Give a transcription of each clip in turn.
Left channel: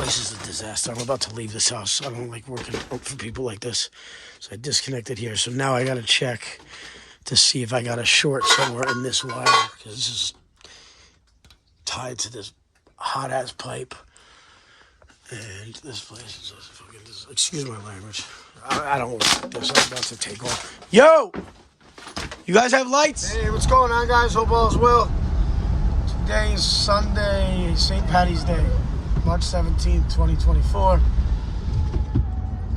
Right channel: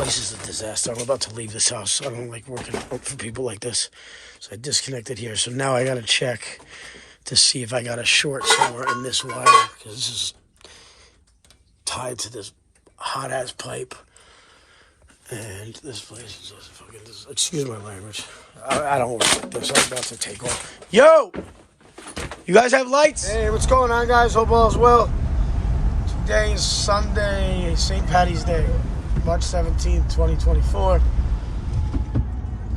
place is a disaster. I'm about to leave this house. I don't like working out for people like this. So I disconnected here. So now I got to check to see if I got a short somewhere in this wire, because this is tied to this hot-ass pipe. And this place is fucking, excuse my language. I don't like this. I'm about to take off. Yo! You guys have lights? Hey, what's going on, guys? Hope all's well. Today is Sunday, St. Patty's Day, March 17th, 2024.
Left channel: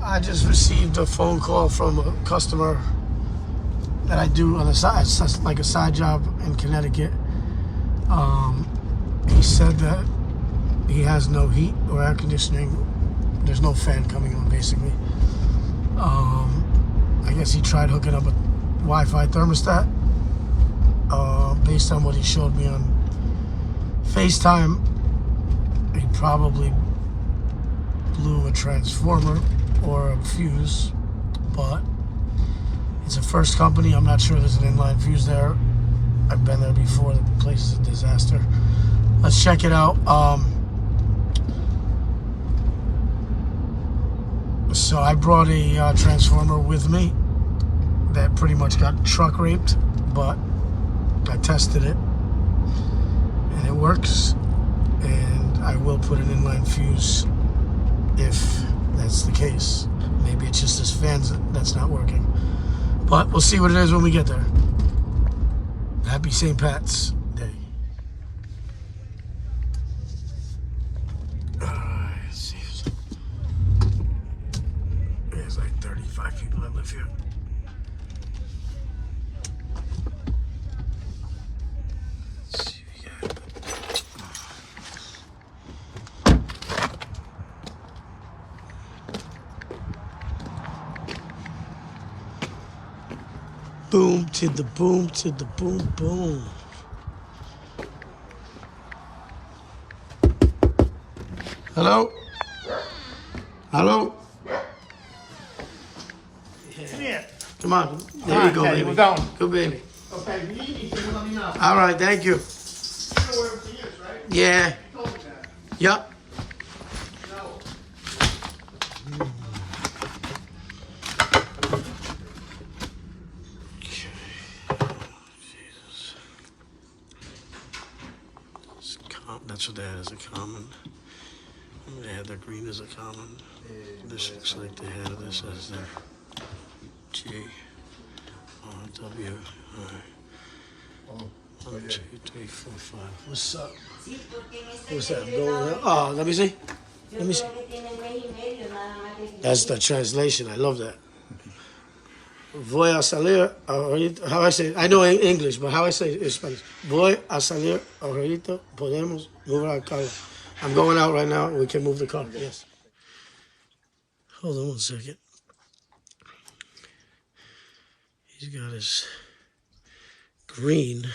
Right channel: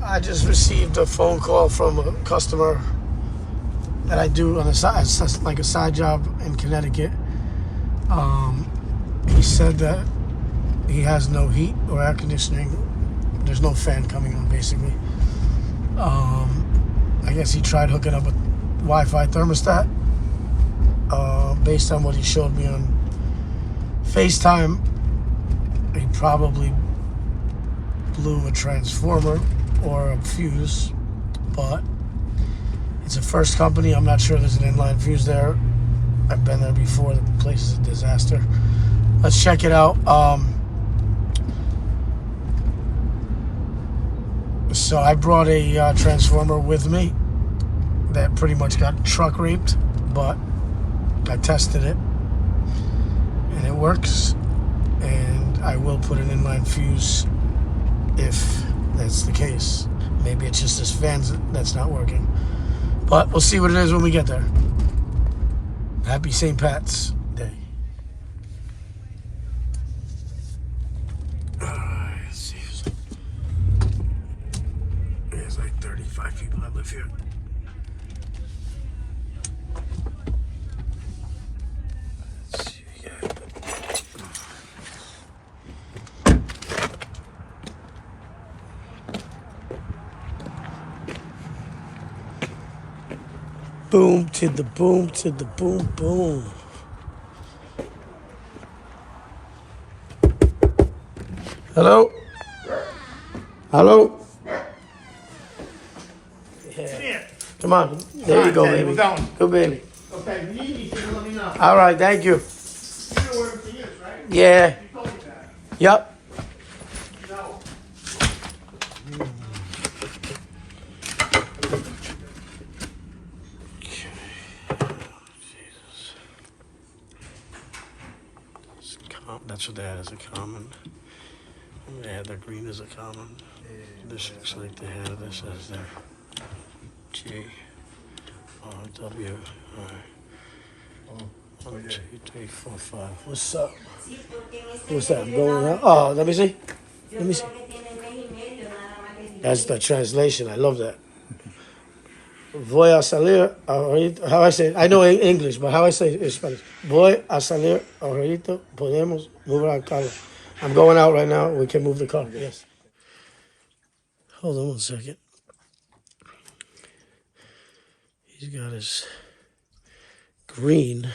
I just received a phone call from a customer that I do on a side, like a side job in Connecticut. He said that he has no heat or air conditioning. There's no fan coming on, basically. I guess he tried hooking up a Wi-Fi thermostat. Based on what he showed me on FaceTime, he probably blew a transformer or a fuse, but it's a first company. I'm not sure there's an inline fuse there. I've been there before. The place is a disaster. Let's check it out. So I brought a transformer with me that pretty much got truck raped, but I tested it and it works. And I will put an inline fuse if that's the case. Maybe it's just this fan that's not working. But we'll see what it is when we get there. Happy St. Pat's Day. Let's see. There's like 35 people that live here. Let's see what we got. Boom to the boom to the boom boom. Hello? Hello? Yeah. Come on. There you go, baby. Good baby. Okay, if you need anything, let me know. All right, thank you. Yeah. Yep. That's what they had as a common. And they had their green as a common. This looks like they have this as their G R W. Alright. 1, 2, 3, 4, 5. What's up? What's that? I'm going out. Oh, let me see. Let me see. That's the translation. I love that. Voy a salir ahorita. How I say it? I know English, but how I say it in Spanish. Voy a salir ahorita. Podemos mover el carro. I'm going out right now. We can move the car. Yes. Hold on one second. He's got his green.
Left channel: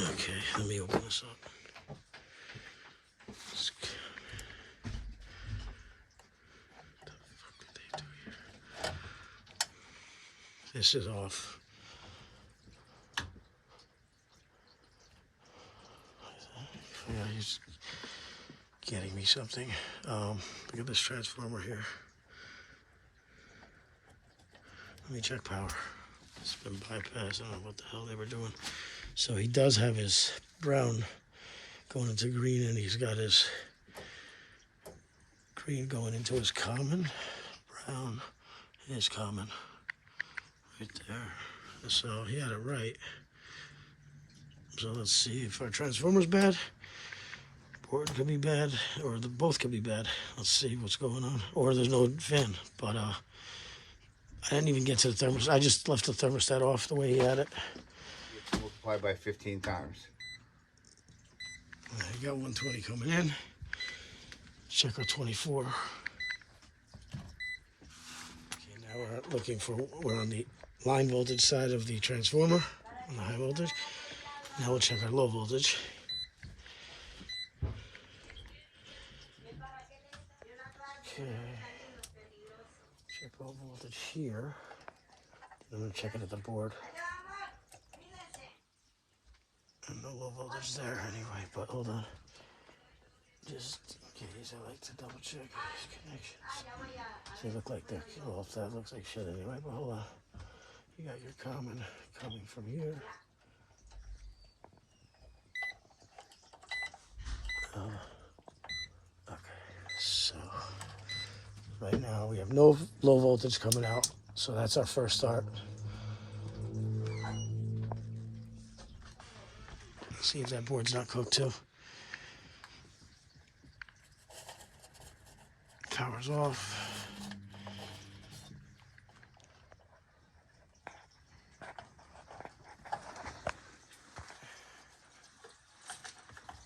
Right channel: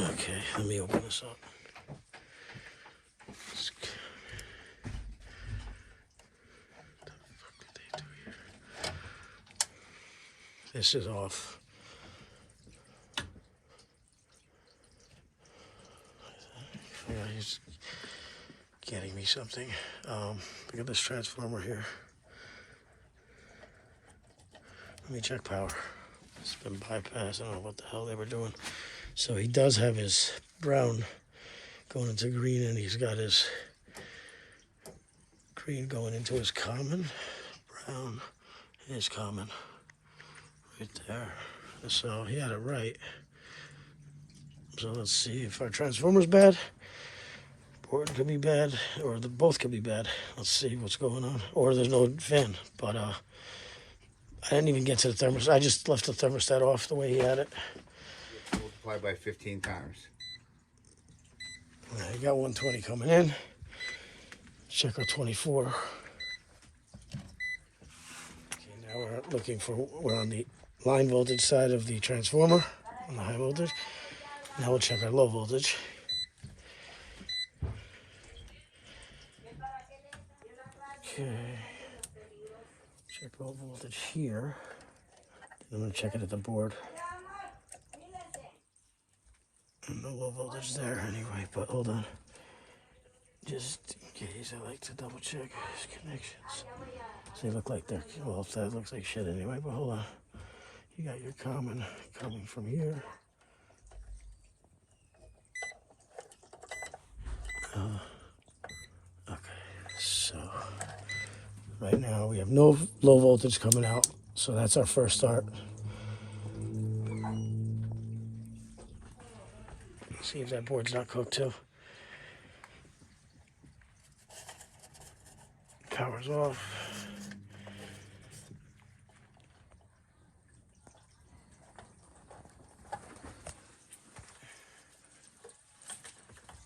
Okay, let me open this up. This is off. Yeah, he's getting me something. Look at this transformer here. Let me check power. It's been bypassed. I don't know what the hell they were doing. So he does have his brown going into green, and he's got his green going into his common. Brown is common. Right there. So he had it right. So let's see if our transformer's bad, or it could be bad, or both could be bad. Let's see what's going on. Or there's no fan. But I didn't even get to the thermostat. I just left the thermostat off the way he had it. Multiply by 15 times. You got 120 coming in. Check our 24. Okay, now we're on the line voltage side of the transformer, on the high voltage. Now we'll check our low voltage. Okay. Check low voltage here. I'm going to check it at the board. No low voltage there anyway, but hold on. Just in case, I like to double check his connections. They look like they're, well, that looks like shit anyway, but hold on. You got your common coming from here. Okay, so right now we have no low voltage coming out, so that's our first start. See if that board's not cooked too. Power's off.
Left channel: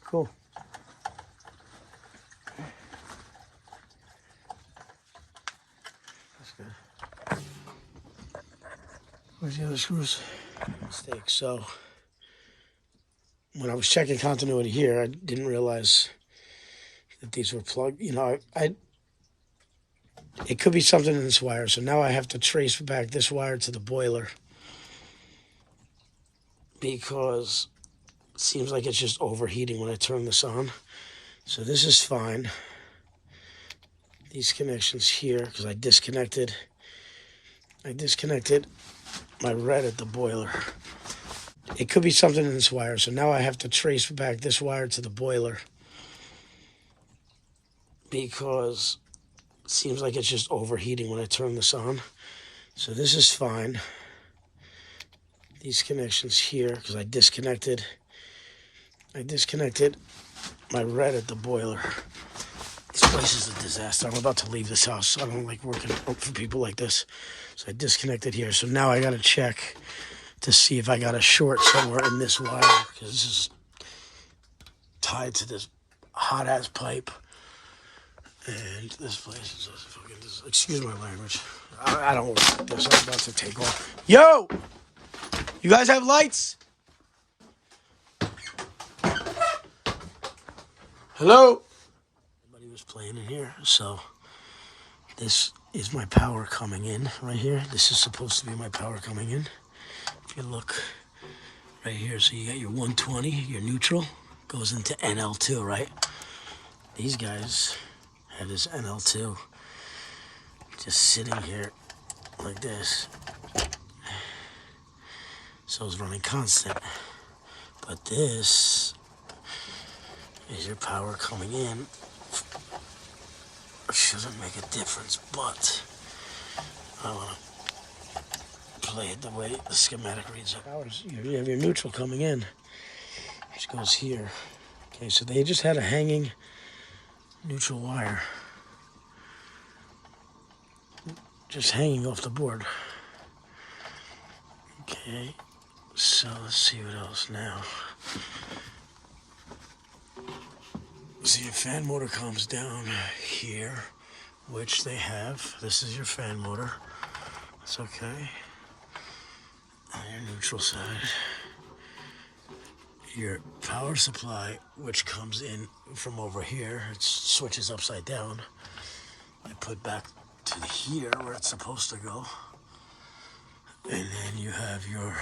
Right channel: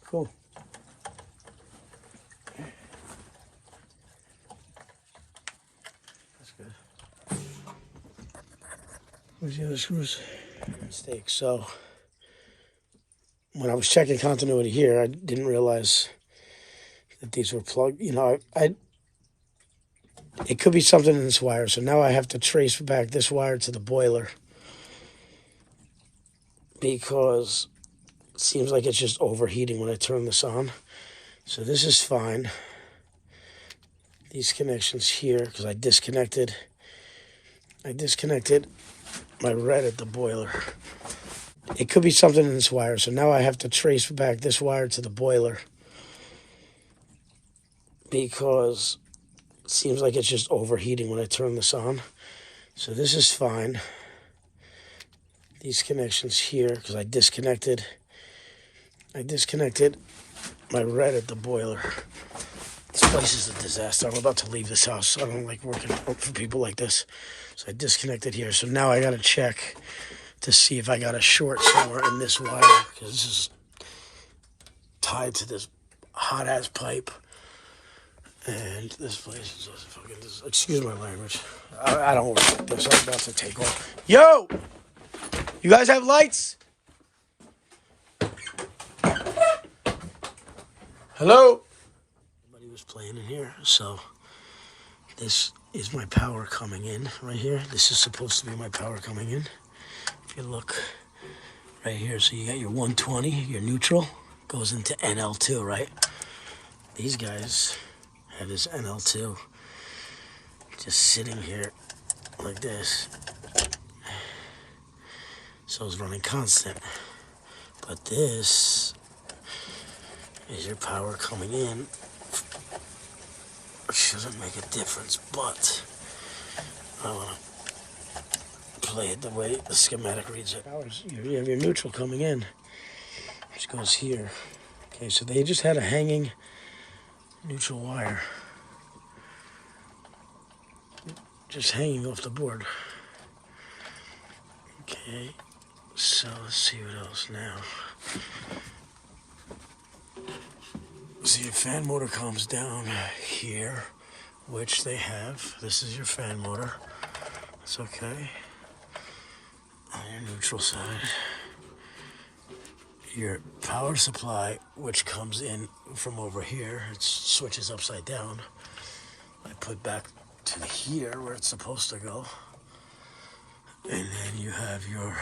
Cool. That's good. Where's the other screws? Mistake. So when I was checking continuity here, I didn't realize that these were plugged. You know, it could be something in this wire. So now I have to trace back this wire to the boiler because it seems like it's just overheating when I turn this on. So this is fine. These connections here, because I disconnected my red at the boiler. It could be something in this wire. So now I have to trace back this wire to the boiler because it seems like it's just overheating when I turn this on. So this is fine. These connections here, because I disconnected my red at the boiler. This place is a disaster. I'm about to leave this house. I don't like working for people like this. So I disconnected here. So now I got to check to see if I got a short somewhere in this wire, because this is tied to this hot-ass pipe. And this place is fucking, excuse my language. I don't work like this. I'm about to take off. Yo! You guys have lights? Hello? Everybody was playing in here, so this is my power coming in right here. This is supposed to be my power coming in. If you look right here, so you got your 120, your neutral, goes into NL2, right? These guys have this NL2 just sitting here like this. So it's running constant. But this is your power coming in. It shouldn't make a difference, but I want to play it the way the schematic reads it. You have your neutral coming in. This goes here. Okay, so they just had a hanging neutral wire. Just hanging off the board. Okay, so let's see what else now. See, your fan motor comes down here, which they have. This is your fan motor. It's okay. On your neutral side. Your power supply, which comes in from over here, it switches upside down. I put back to here where it's supposed to go. And then you have your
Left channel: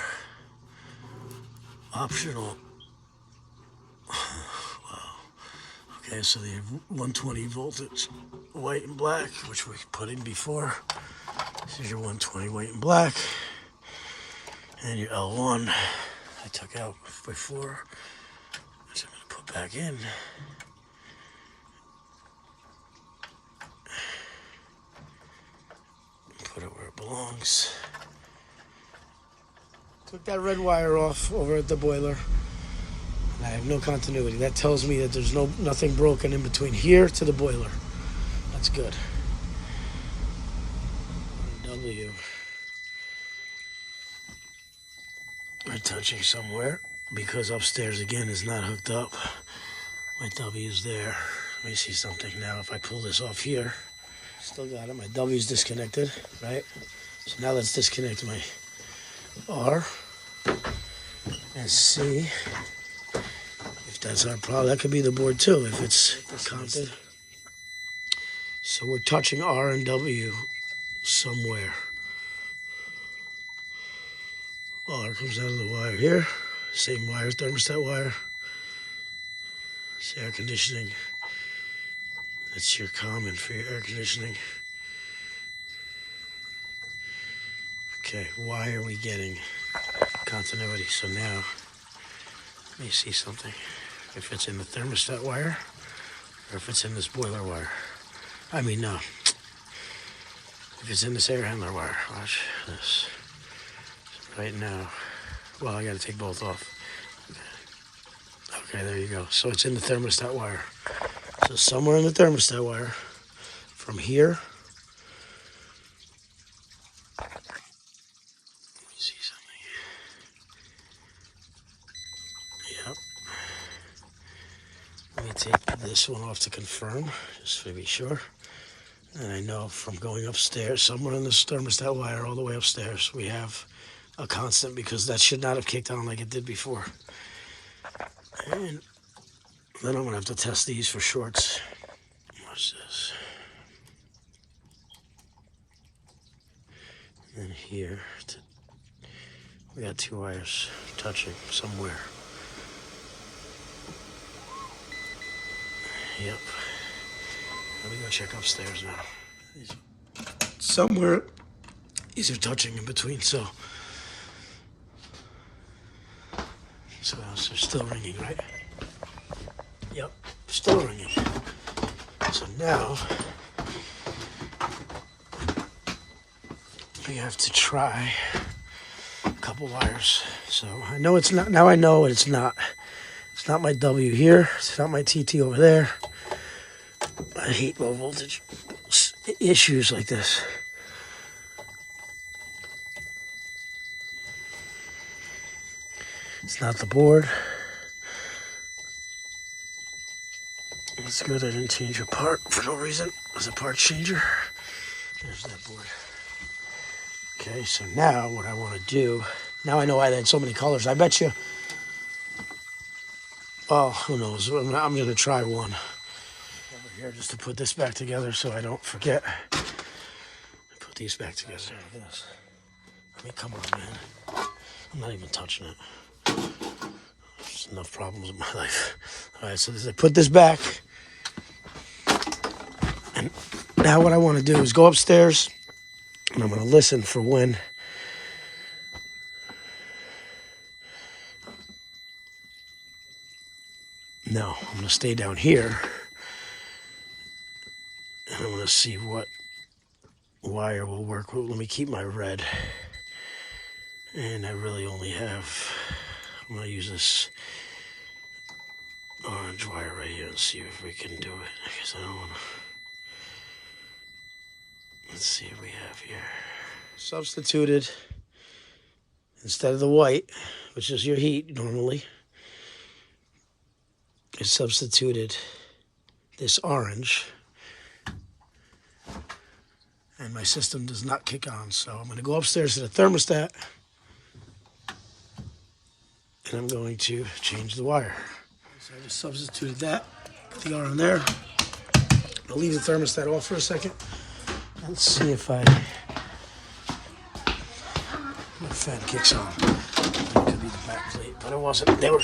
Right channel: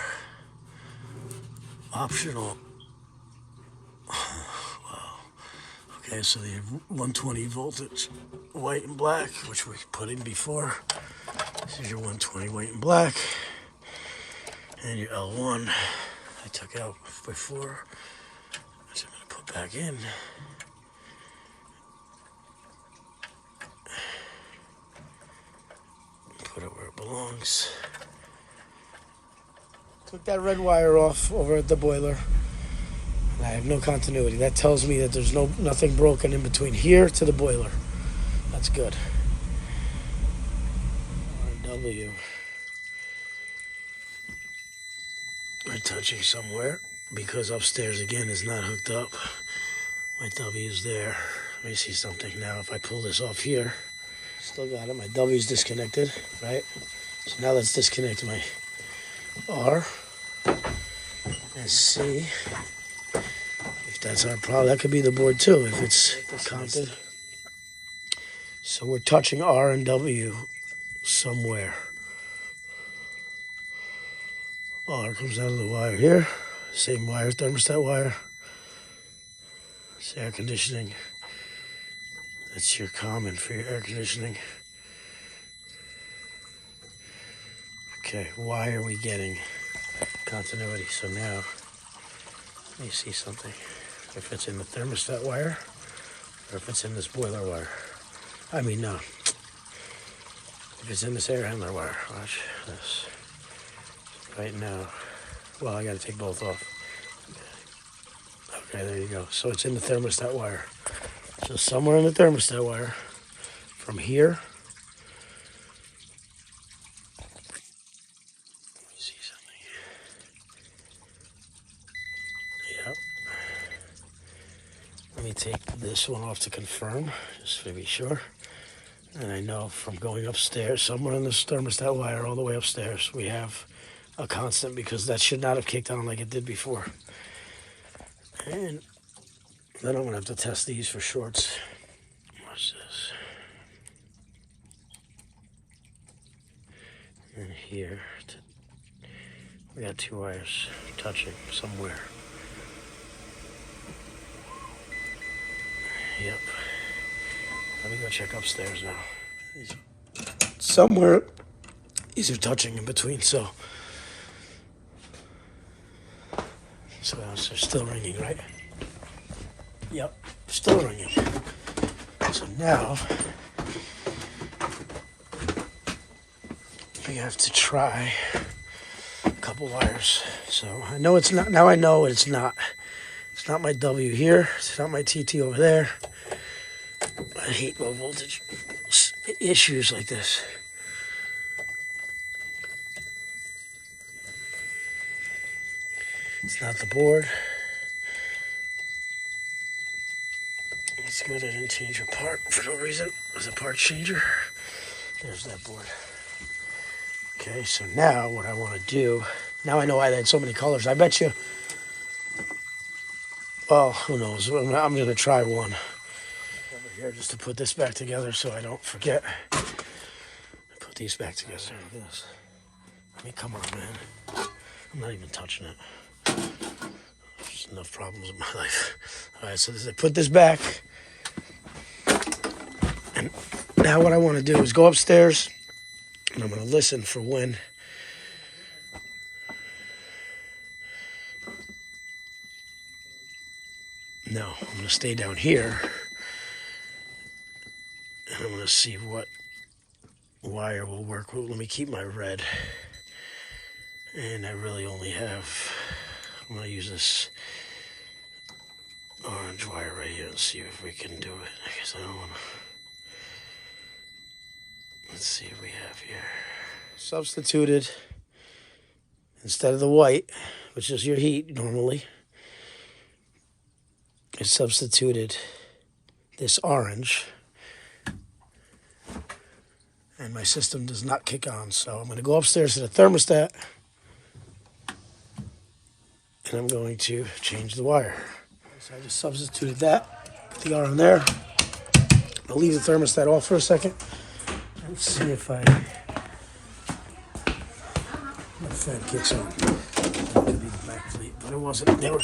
optional. Wow. Okay, so the 120 voltage, white and black, which we put in before. This is your 120 white and black. And your L1, I took out before. So I'm gonna put back in. Put it where it belongs. Took that red wire off over at the boiler. And I have no continuity. That tells me that there's nothing broken in between here to the boiler. That's good. RW. I'm touching somewhere because upstairs again is not hooked up. My W is there. Let me see something now. If I pull this off here, still got it. My W is disconnected, right? So now let's disconnect my R and see if that's our problem. That could be the board too, if it's counted. So we're touching R and W somewhere. R comes out of the wire here. Same wire, thermostat wire. It's air conditioning. That's your common for your air conditioning. Okay, why are we getting continuity? So now, let me see something. If it's in the thermostat wire, or if it's in this boiler wire. I mean, no. If it's in this air handler wire, watch this. Right now, well, I gotta take both off. Okay, there you go. So it's in the thermostat wire. So somewhere in the thermostat wire, from here, let me see something. Yep. Let me take this one off to confirm, just to be sure. And I know from going upstairs, somewhere in this thermostat wire all the way upstairs, we have a constant because that should not have kicked on like it did before. And then I'm gonna have to test these for shorts. What's this? And here, we got two wires touching somewhere. Yep. Let me go check upstairs now. Somewhere, these are touching in between, so it's still ringing, right? Yep, still ringing. So now, we have to try a couple wires. So I know it's not, now I know it's not. It's not my W here, it's not my TT over there. I hate low voltage issues like this. It's not the board. It's good I didn't change a part for no reason. There's a part changer. There's that board. Okay, so now what I want to do, now I know why they had so many colors. I bet you, well, who knows? I'm going to try one over here just to put this back together so I don't forget. Put these back together. I mean, come on, man. I'm not even touching it. There's enough problems in my life. All right, so I put this back. And now what I want to do is go upstairs and I'm going to listen for when no, I'm going to stay down here and I'm going to see what wire will work. Let me keep my red. And I really only have, I'm going to use this orange wire right here and see if we can do it. Because I don't want to. Let's see what we have here. Substituted, instead of the white, which is your heat normally, I substituted this orange. And my system does not kick on. So I'm going to go upstairs to the thermostat. And I'm going to change the wire. So I just substituted that. Put the R in there. I'll leave the thermostat off for a second. Let's see if my fan kicks on. It could be the back plate, but it wasn't. They were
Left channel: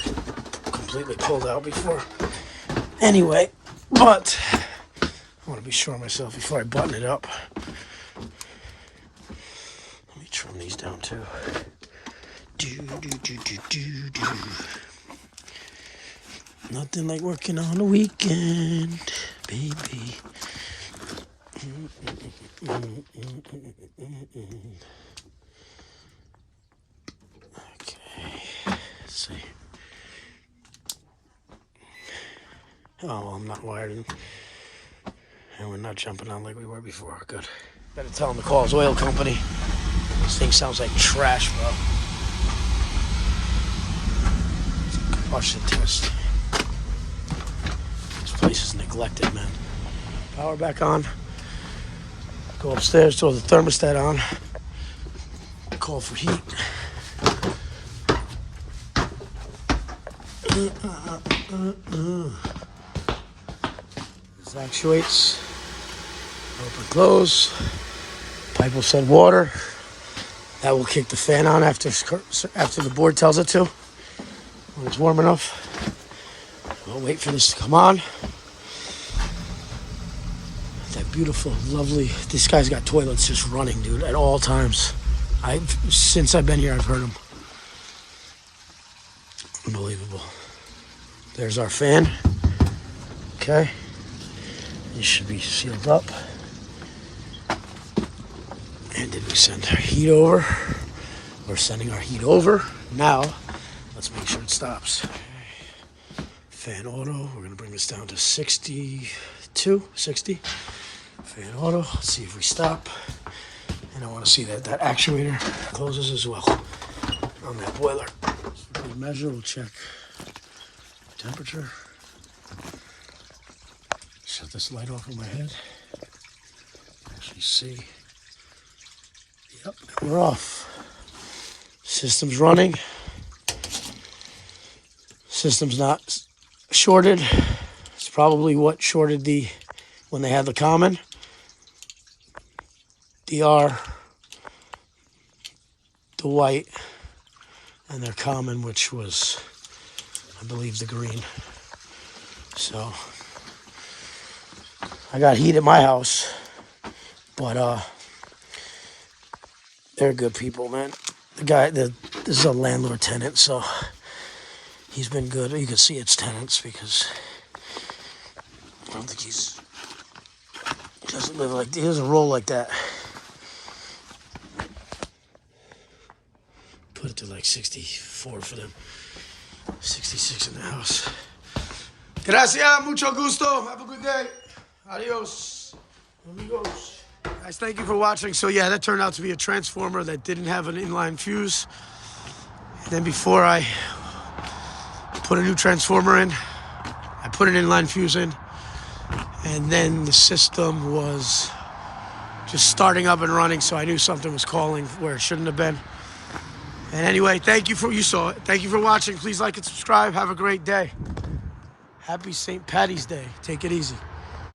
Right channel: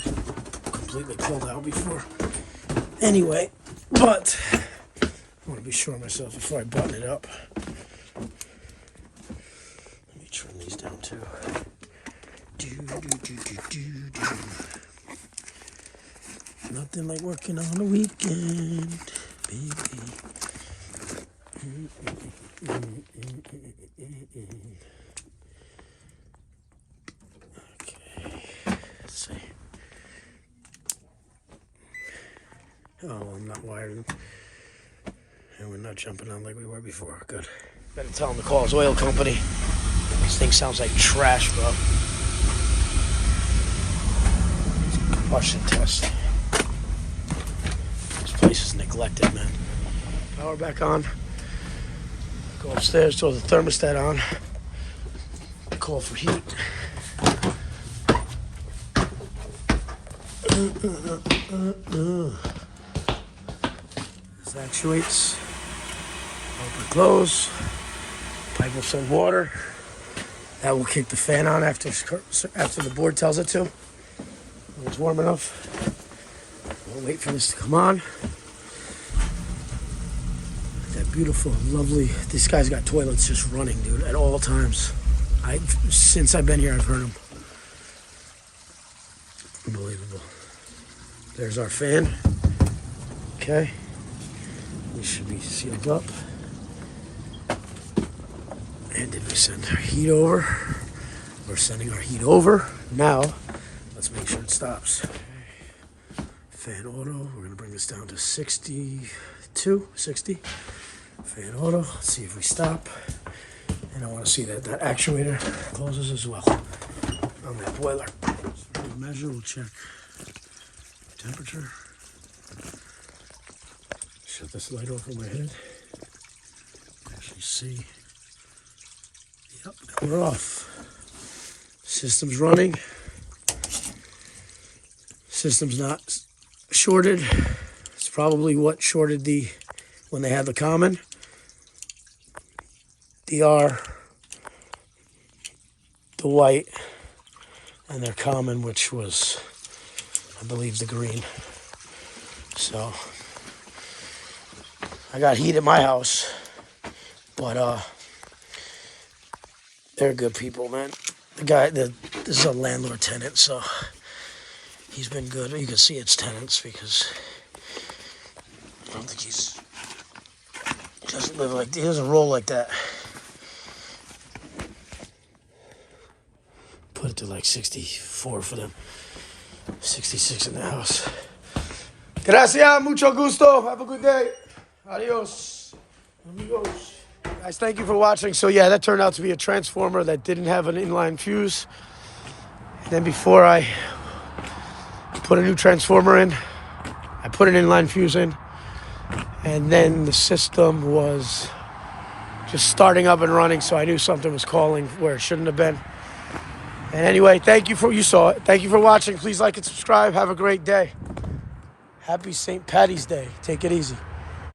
completely pulled out before. Anyway, but I want to be sure of myself before I button it up. Let me trim these down too. Nothing like working on the weekend, baby. Okay, let's see. Oh, well, I'm not wired. And we're not jumping on like we were before. Good. Better tell him to call his oil company. This thing sounds like trash, bro. Combustion test. This place is neglected, man. Power back on. Go upstairs, throw the thermostat on. Call for heat. This actuates. Open, close. Pipe will send water. That will kick the fan on after the board tells it to. When it's warm enough. We'll wait for this to come on. Beautiful, lovely. This guy's got toilets just running, dude, at all times. Since I've been here, I've heard them. Unbelievable. There's our fan. Okay. These should be sealed up. And did we send our heat over? We're sending our heat over. Now, let's make sure it stops. Okay. Fan auto. We're going to bring this down to 62, 60. Fan auto. Let's see if we stop. And I want to see that that actuator closes as well on that boiler. We'll measure, we'll check temperature. Shut this light off in my head. Actually see. Yep, we're off. System's running. System's not shorted. It's probably what shorted when they had the common. DR, the white, and their common, which was, I believe, the green. So, I got heat at my house, but they're good people, man. This is a landlord tenant, so he's been good. You can see it's tenants because I don't think he doesn't live like, he doesn't roll like that. Put it to like 64 for them. 66 in the house. Gracias, mucho gusto. Have a good day. Adios, amigos. Guys, thank you for watching. So yeah, that turned out to be a transformer that didn't have an inline fuse. And then before I put a new transformer in, I put an inline fuse in. And then the system was just starting up and running, so I knew something was calling where it shouldn't have been. And anyway, you saw it. Thank you for watching. Please like and subscribe. Have a great day. Happy St. Patty's Day. Take it easy.